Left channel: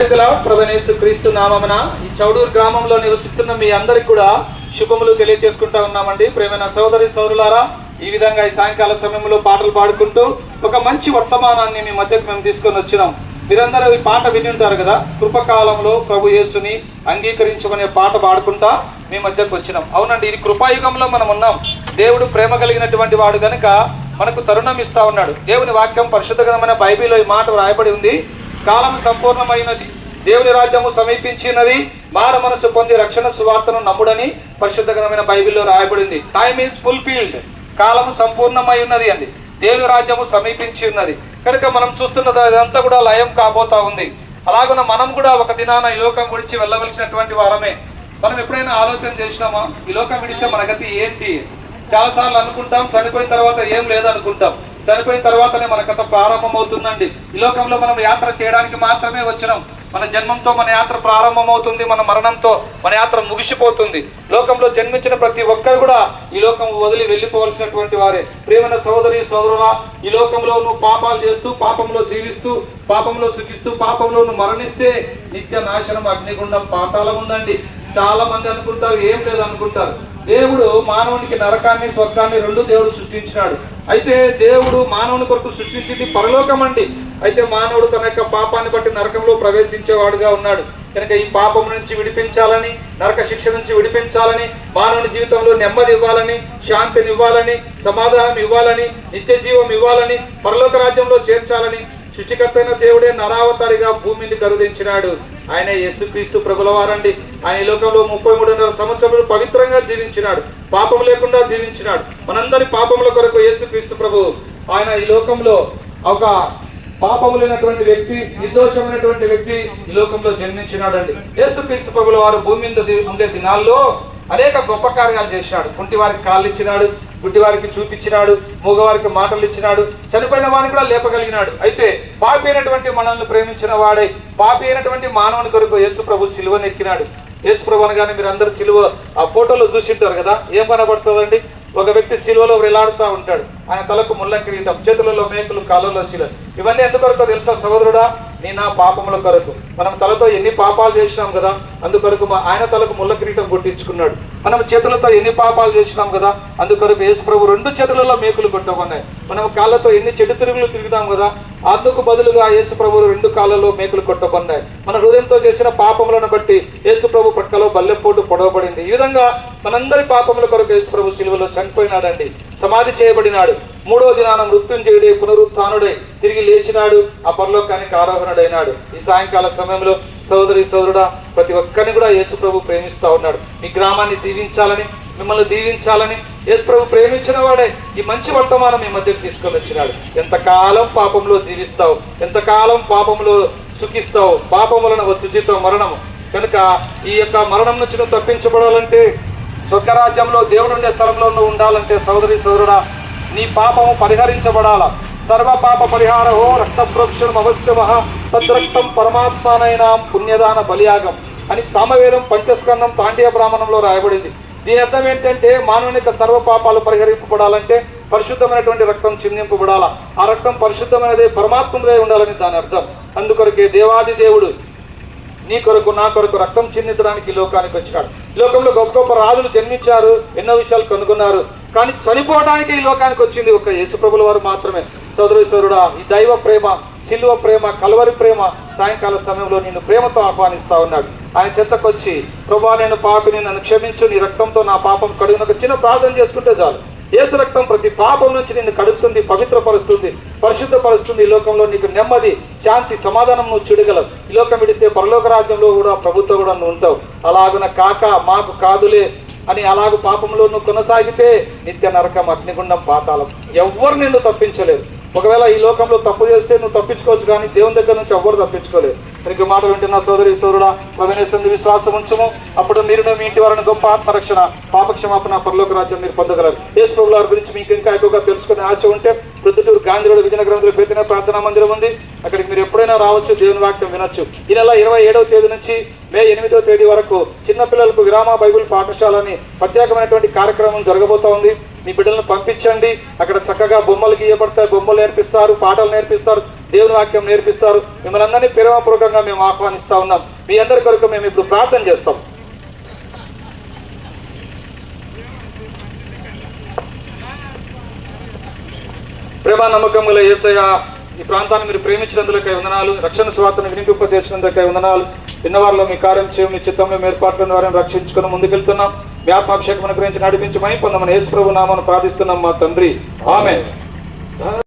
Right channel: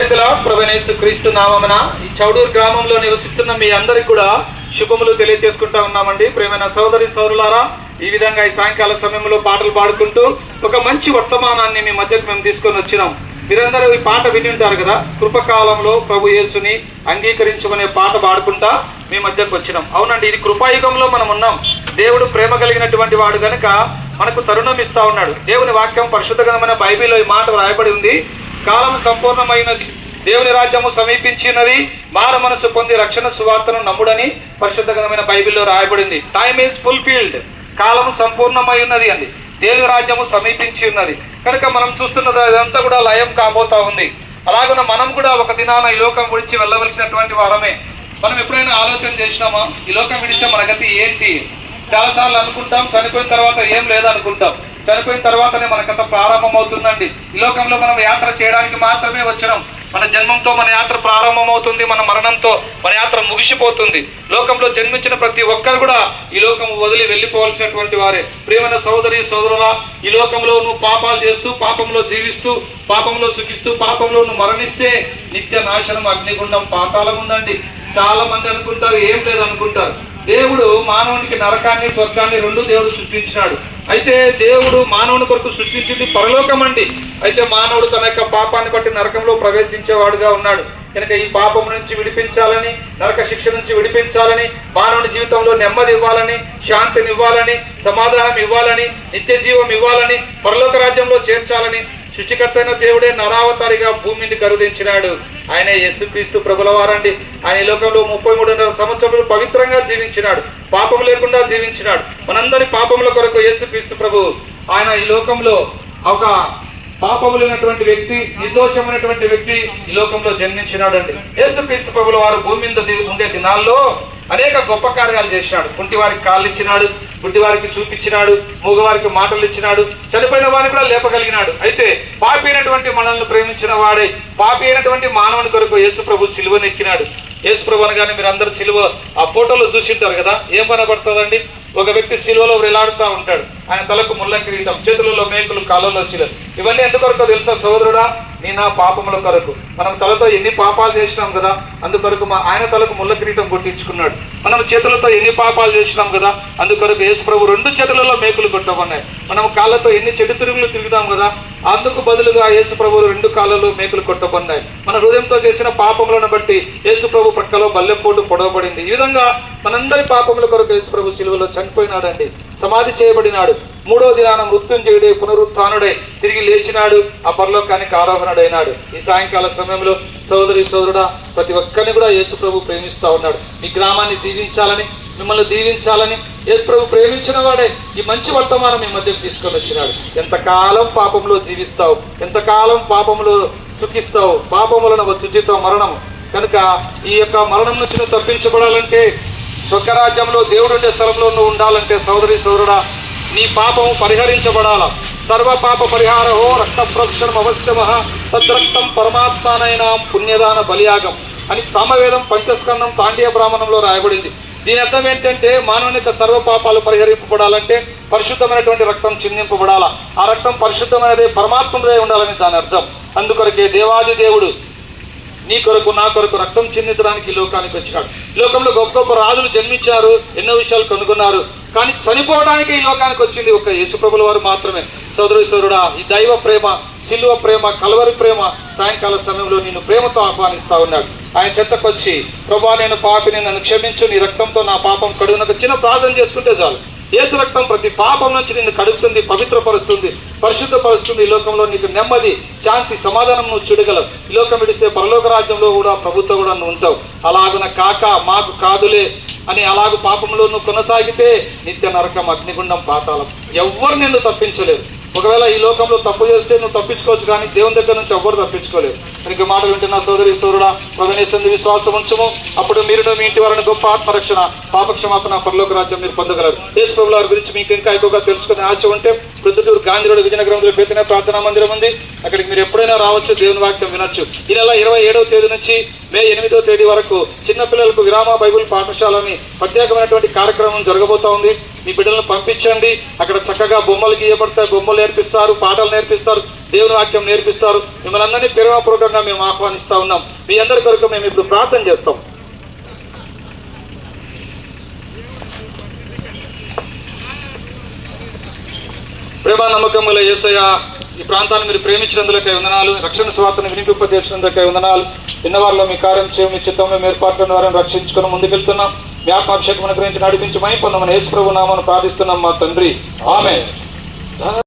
ప్రభువైన క్రీస్తు నామమున ఈ చౌడూరు గ్రామంలో నివసిస్తున్న మీ అందరికి కూడా శుభములు తెలియజేసుకుంటా ఉన్నామండి. ప్రేమైన సోదరి సోదరులారా, ఈ విధంగా ఈ సాయంకాల సమయంలో పాటలు పాడుకుంటూ ఒక మంచి వర్తమానాన్ని మీ మధ్యకు మేము తీసుకొని వచ్చినాం. మీరందరూ ఈ పాట విని ఉంటారు కదా, కృపకాలంలో ప్రభు యేసుని అంగీకరించుకునే పాట పాడుకుంటా మీ మధ్యకు వచ్చినాం. అవునండి, ఇది కృపాయుగంలో మనం ఉన్నాం. దేవుడు ప్రేమ కలిగినటువంటి వాడు కనుక మనకు తరుణం ఇస్తా ఉన్నాడు. దేవుని వాక్యం పరిశుద్ధ గ్రంథమైన బైబిల్లో ఈ మాట రాయబడి ఉంది. కాలం సంపూర్ణమైనది, దేవుని రాజ్యము సమీపించినది, మారు మనసు పొంది రక్షణ సువార్తను నమ్ముడని పరిశుద్ధ గ్రంథమైన బైబిల్లో రాయబడింది. టైమ్ ఈజ్ ఫుల్ఫిల్డ్, కాలము సంపూర్ణమై ఉన్నది అండి. దేవుని రాజ్యము సమీపించి ఉన్నది కనుక మనం చూస్తున్నది అదంతా కూడా లయం కాబోతా ఉంది. అలాగే మనం కూడా ఒక దినాన ఈ లోకం విడిచి వెళ్ళవలసినటువంటి వారమే. మనం ఎప్పుడైనా ఆలోచన చేసినామా ఈ లోకం విడిస్తే మన గతి ఏంటి? చాలాసార్లు అనుకుంటాం, చనిపోయిన తర్వాత ఏం లేదనుకుంటాం. చనిపోయిన తర్వాతనే మన కథ ప్రారంభం అవుతుందండి. ఈ లోకంలో మనం యాత్ర చేయడానికి మాత్రమే వచ్చినాం. మన జన్మంతో మన యాత్ర ప్రారంభమవుతుంది, మన మరణంతో మన యాత్ర ముగిసిపోతుంది. లోకంలో జన్మించిన ప్రతి ఒక్కరు కూడా ఈ లోకం వదిలి వెళ్ళిపోవాల్సినటువంటి వారే. ప్రియమైన సోదరి సోదరులా, ఈ లోకంలో నువ్వు పాపాలు చేస్తూ, పాపంలో జీవిస్తూ, పాపంలో సుఖిస్తూ, పాపంలో నువ్వు మరణిస్తే నిత్య నాశనం, అగ్నిగుండం, పాతాళం ఉందండి. చాలా మంది అనుకుంటారు ఏం లేదు అనుకుంటారు. దేవుడు మానవునికి నరకాన్ని స్వర్గాన్ని రెండు దేవుడు సృష్టించినాడు. అయితే దేవుడు మానవుని కొరకు సృష్టించింది పరలోకం అండి. అయితే మానవుడు తన యొక్క పాపాన్ని బట్టి నరకంలో ప్రవేశించేవాడుగా ఉన్నాడు. కనుక ఈ పాపం నుంచి విడిపించాలని, నరక శిక్ష నుంచి విడిపించాలని, మానవుని జీవితంలో నెమ్మది ఇవ్వాలని, శాంతిని ఇవ్వాలని, సమాధానం ఇవ్వాలని, నిత్య జీవం ఇవ్వాలని, పరలోక రాజ్యంలో చేర్చాలని సృష్టికర్త అయిన దేవుడే నరావతారిగా భూమిని కరుదించినాడు. ఆయన యేసుక్రీస్తు ప్రభుల వారండి. ఆయన లోకంలో 33.5 సంవత్సరాలు పవిత్రంగా జీవించినాడు, పాపం లేకుండా జీవించినాడు. మనందరి పాపముల కొరకు యేసుక్రీస్తు ప్రభు ఆయన ఈ లోకంలో ఒక పాపము లేనటువంటి వ్యక్తి, నిర్దోషమైనటువంటి వ్యక్తి ఈ లోకంలో జన్మించినాడు అండి. యేసుక్రీస్తు ప్రభుల వారు భూమి మీద ఉండే దినాల్లో అనేక గొప్ప కార్యాలు చేసినాడు. కుంటి వారికి కాళ్ళు ఇచ్చినాడు, గుడ్డి వారికి చూపించినాడు, మూగవారికి మాటలు ఇచ్చినాడు, చనిపోయిన వారిని కూడా లేపగలిగినాడు. అయితే పాపి అయినటువంటి మనల్ని ప్రేమించిన వాడే, పాపి అయినటువంటి మానవుని కొరకు యేసు ప్రభు సిలువను ఎక్కినాడు. యేసు ప్రభు అనగానే మీరు అందరు సిలువ ఆ ఫోటోలో చూసింటారు కదా, ఏం కనబడుతుందండి? ఒక వ్యక్తి సిలువలో వేలాడుతూ ఉంటాడు. ఆయన తలకు ముళ్ళ కిరీటం, చేతులలో మేకులు, కాళ్ళలో శిలలు. ఇవన్నీ ఎందుకొరకు తెలుసా సోదరుడా? నీ నా పాపముల కొరకు. మనం తలతో ఎన్ని పాపాలు చేసినాం కదా, అందుకొరకు ఆయన తలకు ముళ్ళ కిరీటం కొట్టించుకున్నాడు. మనం చేతులతో ఎన్ని పాపాలు చేసినాం కదా, అందుకొరకు యేసు ప్రభు 2 చేతులలో మేకులు కొట్టమన్నాయి. మనం కాళ్ళతో ఎన్ని చెడు తిరుగులు తిరుగుతాం కదా, అందుకు బదులుగా యేసు ప్రభు 2 కాళ్ళలో మేకులు కొట్టబడినాయి. మన హృదయంతో చేసిన పాపములను బట్టి యేసు ప్రభు పక్కలో బల్లెపోటు పొడవబడింది. ఈ విధంగా మనందరి పాపముల కొరకు యేసు ప్రభు సిలువలో చనిపోయినాడండి, సమాధి చేయబడినాడు. 3వ దినాన మృత్యుంజయుడే, పునరుత్థానుడే, తిరిగి లేచినాడు, ఆ పరలోకానికి ఆరోహణుడైనాడు. ఈ సాయంకాల సమయంలో సోదరి సోదరుడా, ప్రతి ఒక్కరిని కూడా యేసు ప్రభు ప్రేమిస్తూ ఉన్నాడు. మీ గ్రామాన్ని దీవించాలని, మిమ్మల్ని దీవించాలని యేసు ప్రభు ప్రేమించిన వాడే ఈ మంచి వర్తమానం మీ మధ్యకు తీసుకొని వచ్చినాడు. ఎంతకాలం పాపంలో జీవిస్తావు, ఎంతకాలం పాపంలో సుఖిస్తావు? పాపం వలన వచ్చుచితో మరణము. కనుక ఈ యొక్క మరణం నుంచి నువ్వు తప్పించబడాలంటే, స్వర్గరాజ్యంలో దేవుడు ఉండే స్థలంలో నువ్వు ఉండాలంటే సోదరి సోదరుడా, నీ పాపము పరిహరించబడాల. సర్వ పాప పరిహారహో రక్త ప్రోక్షణం అవశ్యమః తద్రక్తం పరమాత్మానైన పుణ్యదాన బలియాగం అని సామవేదం పంచస్కందం తాండీయ బ్రాహ్మణంలో రాయబడింది. దీని అర్థం ఏంటంటే, మానవుని యొక్క సర్వ పాపాలు పరిహరింపబడాలంటే పరిశుద్ధమైనటువంటి రక్తం చిందింపబడాల. ఆ రక్తం పరిశుద్ధమైనది, పరమాత్మదే ఉండాలని దాని అర్థం. అందుకొరకే దేవాది దేవుడు నీ కొరకు నా కొరకు రక్తం చిందించడానికి ఈ లోకానికి వచ్చినాడు. ఈ లోకంలో గొప్ప గొప్ప రాజులు జన్మించారు, ఎన్నో విషయాలు కనుగొన్నారు. కానీ చనిపోవడానికి ఈ లోకానికి వచ్చింది ఒక్క యేసు ప్రభుల వారు మాత్రమే. సోదరు సోదరుడా, ఈ దైవ ప్రేమ, సిలువ ప్రేమ, కల్వరి ప్రేమ సాయంకాల సమయంలో నిన్ను ప్రేమతో ఆహ్వానిస్తా ఉన్నాడు. ఆయన చెంతకొచ్చి, ప్రభా నేను పాపిని, నన్ను క్షమించు, నీ రక్తంతో నా పాపం కడుగునకు చిన్న ప్రార్థన చేసుకుంటే చాలు. యేసు రక్తం ప్రతి పాపం నుంచి నిన్ను కడుగుతుంది, పవిత్రపరుస్తుంది, పరిశుద్ధపరుస్తుంది. ఈ లోకంలో నీకు నెమ్మది, శాంతి, సమాధానం నువ్వు చూడగలవు. ఈ లోకం విడిస్తే పరలోక రాజ్యంలో కూడా ప్రభుత్వం కూడా నువ్వు ఉంటావు. అలాగున కాక మాకు కాదులే అని అలాగ పాపంలో నువ్వు కొనసాగితే నిత్య నరకం, అగ్నిగుండం, పాతాళం. ఎవ్వరు నిన్ను తప్పించలేరు. ఒకవేళ ఈ లోకంలో తప్పు చేస్తే నువ్వు తప్పించుకోవచ్చు, కానీ దేవుని దగ్గర నుంచి ఎవ్వరు తప్పించుకోలేరు. ఇంక మాట వింటున్న సోదరి సోదరుడా, ప్రభునేసందు విశ్వాసం ఉంచము, అప్పుడు మీరు మీ ఇంటి వారిని గొప్ప ఆత్మరక్షణ, పాపక్షమాపణ, పరలోక రాజ్యం మీరు పొందగలరు. యేసు ప్రభుల వారి గురించి మీకు ఇంకా ఎక్కువగా తెలుసుకునే ఆశ ఉంటే ప్రొద్దుటూరు గాంధీ రోడ్ విజయనగరంలో బేతన ప్రార్థనా మందిరం ఉంది. అక్కడికి మీరు ఎప్పుడైనా రావచ్చు, దేవుని వాక్యం వినొచ్చు. ఈ నెల 27వ తేదీ నుంచి మే 8వ తేదీ వరకు చిన్నపిల్లలకు విరామ బైబిల్ పాఠశాలని ప్రత్యేకమైనటువంటి కార్యక్రమం జరగబోతా ఉంది. మీ బిడ్డలను పంపించండి. అక్కడ చక్కగా బొమ్మలు గీయబడతాయి, బొమ్మలు నేర్పిస్తారు, పాటలు నేర్పిస్తారు, దేవుని వాక్యం నేర్పిస్తారు. మిమ్మల్ని అందరినీ ప్రేమపూర్వకంగా మేము ఆహ్వానిస్తా ఉన్నాం. మీ అందరి కొరకు మేము ఇప్పుడు ప్రార్థన చేస్తాం. ప్రేమ నమ్మకముల యేసయ్య, ఈ ప్రాంతాన్ని మీరు ప్రేమించినందులకై వందనాలు. రక్షణ స్వార్థను వినిపింపజేసినందులకై వందనాలు. విన్నవారిలో మీ కార్యం చేయడం, మీ చిత్తం, మీ ఏర్పాట్లను వారిని రక్షించుకుని ముందుకెళ్తున్నాం. మీ ఆత్మాభిషేకం గురించి నడిపించి మై పొందమని యేసు ప్రభు నామమున ప్రార్థిస్తున్నాం మా తండ్రి. ఆమేన్.